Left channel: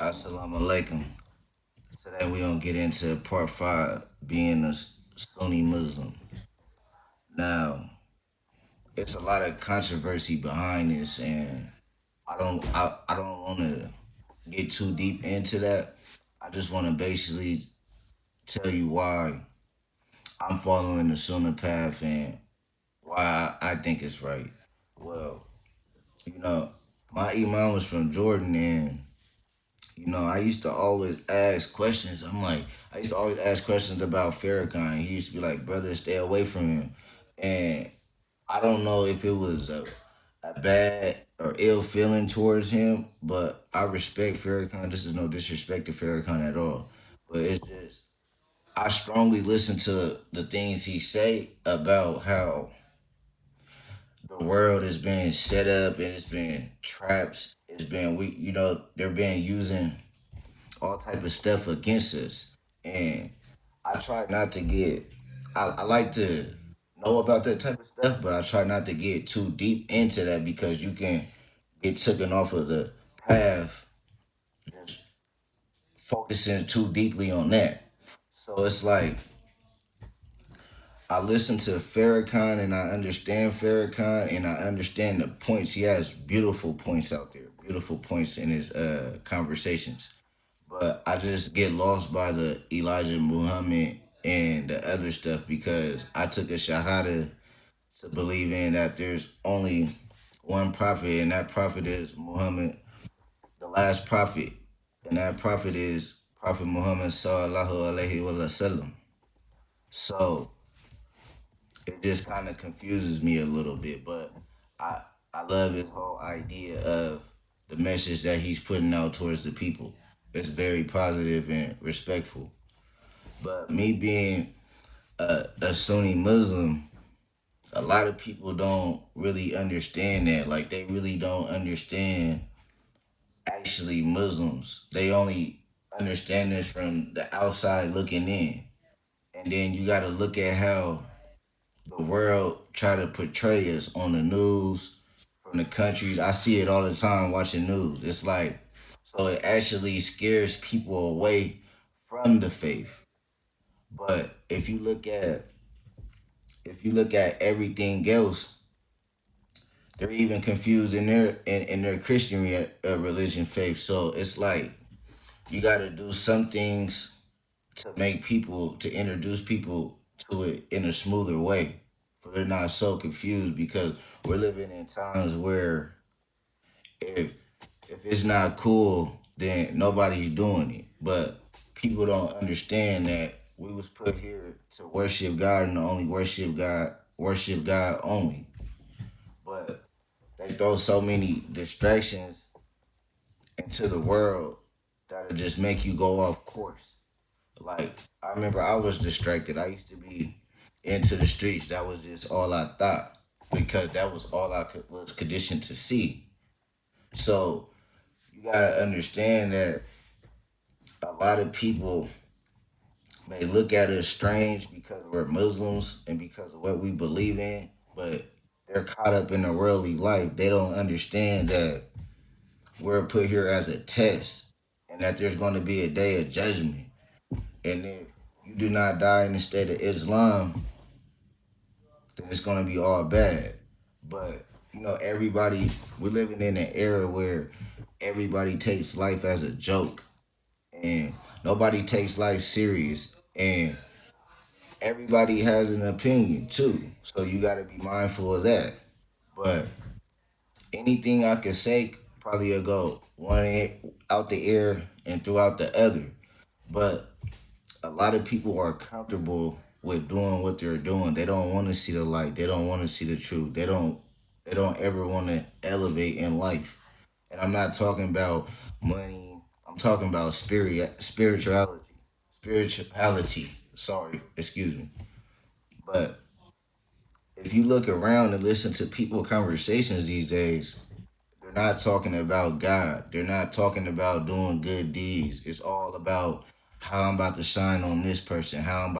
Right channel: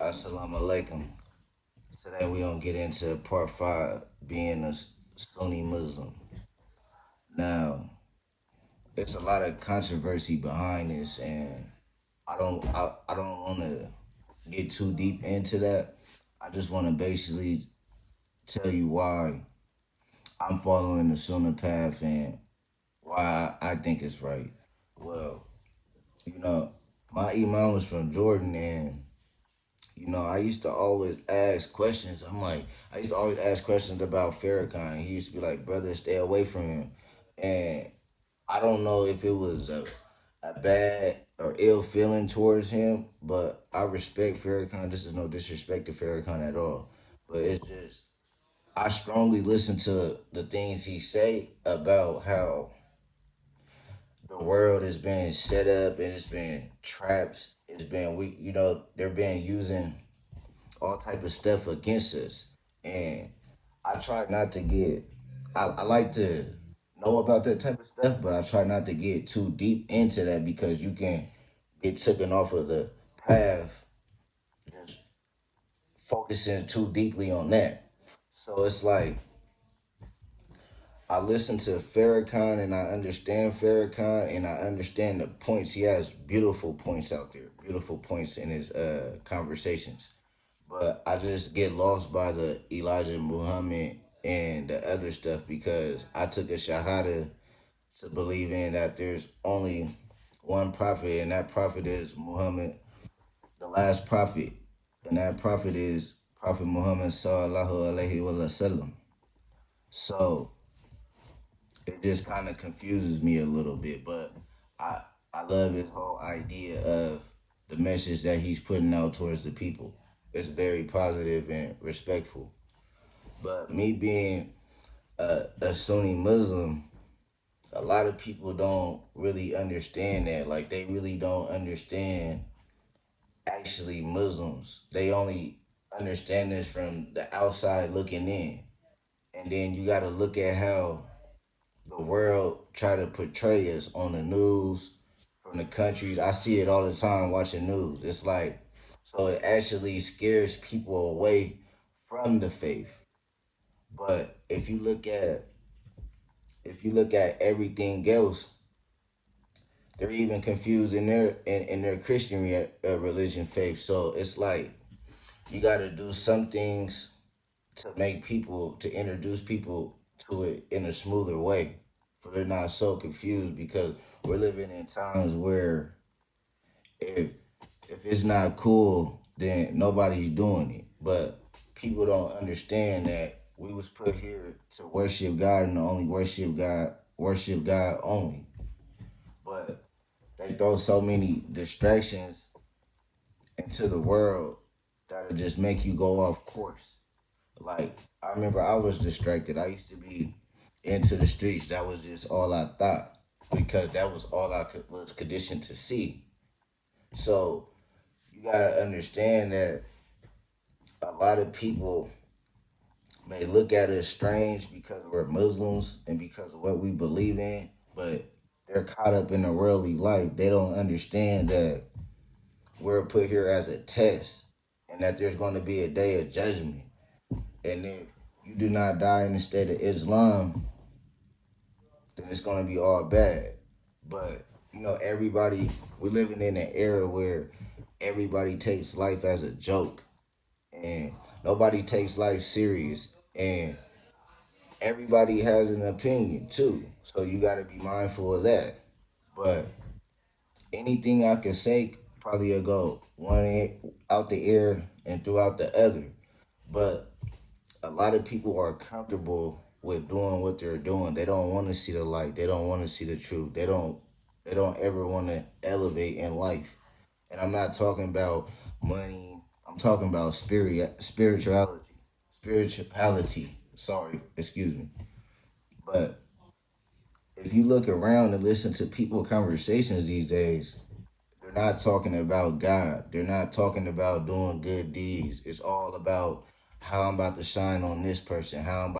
Assalamu alaikum. Today we gonna get into part five, being a Sunni Muslim. Now, it's a lot of controversy behind this, and I don't want to get too deep into that. I just want to basically tell you why I'm following the Sunnah path and why I think it's right. Well, you know, my imam was from Jordan, and I used to always ask questions. I used to always ask questions about Farrakhan. He used to be like, brother, stay away from him. And I don't know if it was a bad or ill feeling towards him, but I respect Farrakhan. This is no disrespect to Farrakhan at all. But it's just, I strongly listen to the things he say about how the world is being set up and it's been traps. It's been, they're being using all type of stuff against us. And I try not to get. I like to know about that type of stuff, but I try not to get too deep into that because you can get taken off of the path focusing too deeply on that. So it's like I listen to Farrakhan and I understand Farrakhan and I understand the points. He has beautiful points out there, beautiful points in his conversations. But I just get lost by the Elijah Muhammad and the other stuff because I took a shahada to believe in that there's only one prophet, and that prophet is Muhammad, the last prophet, and that prophet is Prophet Muhammad sallallahu alaihi wasallam. So it just kind of confuses me a little bit, but I I love his whole idea of the message that he's putting out towards the people. It's very positive and respectful. But me being a Sunni Muslim, a lot of people don't really understand that. Like they really don't understand actually Muslims. They only understand this from the outside looking in. And then you gotta look at how the world try to portray us on the news from the countries. I see it all the time watching news. It's like so it actually scares people away from the faith. But if you look at everything else, they're even confused in their Christian religion faith. So it's like you got to do some things to make people to introduce people to it in a smoother way, so they're not so confused because we're living in times where if if it's not cool, then nobody's doing it. But people don't understand that we was put here to worship God and only worship God only. But they throw so many distractions into the world that'll just make you go off course. Like I remember I was distracted. I used to be into the streets. That was just all I thought because that was all was conditioned to see. So you gotta understand that a lot of people may look at us strange because we're Muslims and because of what we believe in, but they're caught up in a worldly life. They don't understand that we're put here as a test and that there's going to be a day of judgment. And if you do not die in the state of Islam, then it's going to be all bad. But, everybody, we're living in an era where everybody takes life as a joke and nobody takes life serious. And everybody has an opinion too. So you got to be mindful of that. But anything I could say probably will go out the air and throughout the other. But a lot of people are comfortable with doing what they're doing. They don't want to see the light. They don't want to see the truth. They don't ever want to elevate in life. And I'm not talking about money. I'm talking about spirituality. Spirituality. Sorry, excuse me. But if you look around and listen to people conversations these days, they're not talking about God. They're not talking about doing good deeds. It's all about how I'm about to shine on this person, how I'm